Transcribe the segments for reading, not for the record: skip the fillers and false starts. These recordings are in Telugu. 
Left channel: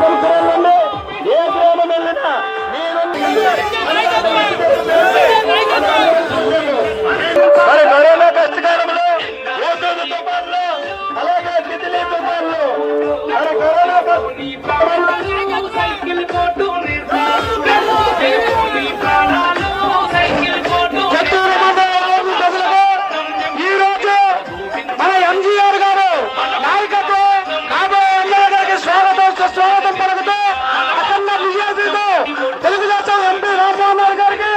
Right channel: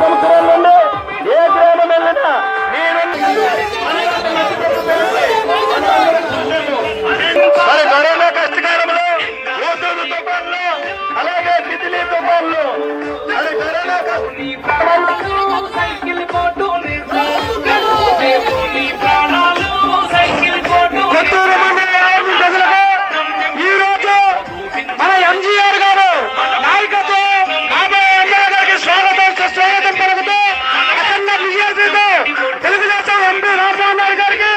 సంవత్సరాల నుండి ఏ గ్రామం వెళ్ళినా మరి కరోనా కష్టకాలంలో ఓసోదు తుఫాన్లు అలాగే తితిలి తుఫాన్లు మరి కరోనా చిత్తూరు మండలం ఈ రోజు మన ఎంజీఆర్ గారు నాయకత్వం కాబోయే ఎమ్మెల్యే గారికి స్వాగతం పలుకుతూ అఖండ విజయశ్రీతో తెలుగుదేశం ఎంపీ రామ్మోహన్ నాయుడు గారికి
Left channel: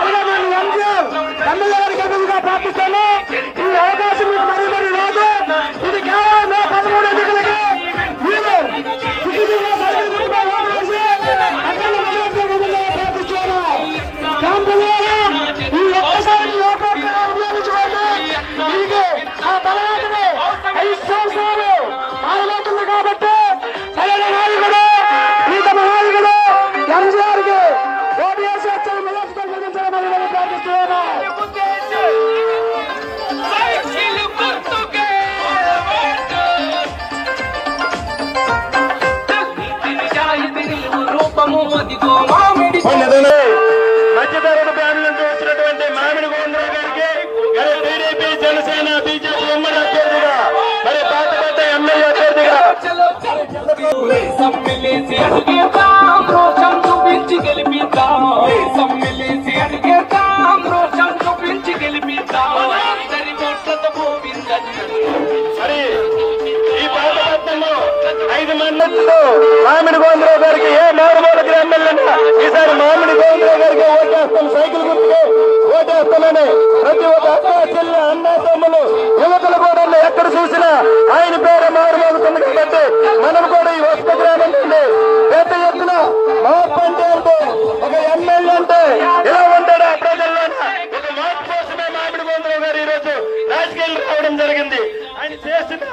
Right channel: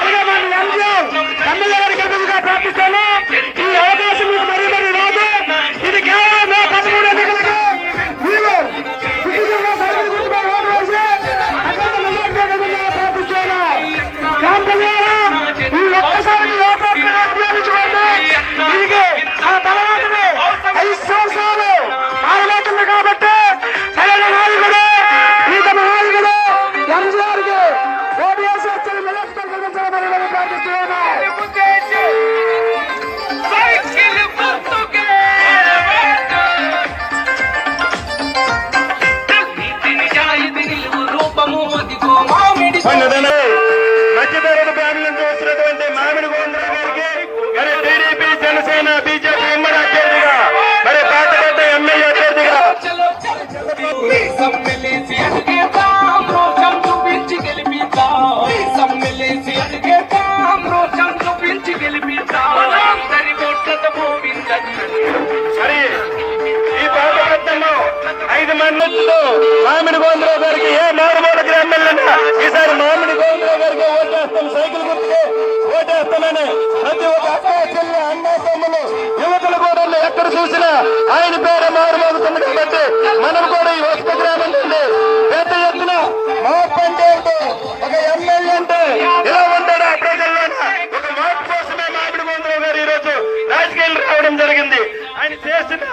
అలాగే మన ఎంజీఆర్ ఎమ్మెల్యే గారికి ఎదురుగా ప్రార్థిస్తాను. ఈ అవకాశం మీకు మరీ రాదు. ఇది కేవలం 13 ఎన్నికలకి మీరు సుఖీతంగా ప్రార్థిస్తాను. ఈ ఒక్కసారి ఉపయోగించుకోండి. దీనికి ఆ తర్వాతనే 5 సంవత్సరాలు మారబోతుంది కాబట్టి సరైన నాయకుడు ఈతమ నాయకుడు ఎంజీఆర్ కి ఓటు వేసి వచ్చి నియోజకవర్గం కలిగించాలని ప్రార్థిస్తున్నాను. మధ్యతరగతి ఫ్యామిలీ నుంచి వచ్చినటువంటి మామిడి గోవిందరావు గారికి మరి టీడీపీ జనసేన బీజేపీ ఉమ్మడి అభ్యర్థిగా మరి పాతపేట ఎమ్మెల్యే అభ్యర్థిగా మరి ఈ పాతపేటలో 5 మంది మామిడి గోవిందరావు గారికి ఏ మారుమూల గ్రామాలన్నా ఈసారి మామిడి గోవిందరావు గారికి ఓటేస్తాను, సైకిల్ గుర్తుకి ఓటేస్తానని ప్రతి ఒక్క అక్క చెల్లి అన్న తమ్ములు యువకుల కూడా ఎక్కడ చూసినా ఆయన పేరు మారుమోగుతుంది. కాబట్టి మనం కూడా ఈ వస్త గ్రామం నుండి పెద్ద ఎత్తున మార్పు అంటే ఒక ఎమ్మెల్యే అంటే ఎలా ఉంటాడు ఆ ప్రజల్లోన ఒక మార్పు కోసమే మామిడి గోవిందరావు గారు ఈ రోజు రాజకీయాలు రావడం జరిగింది. ఆయన చేసిన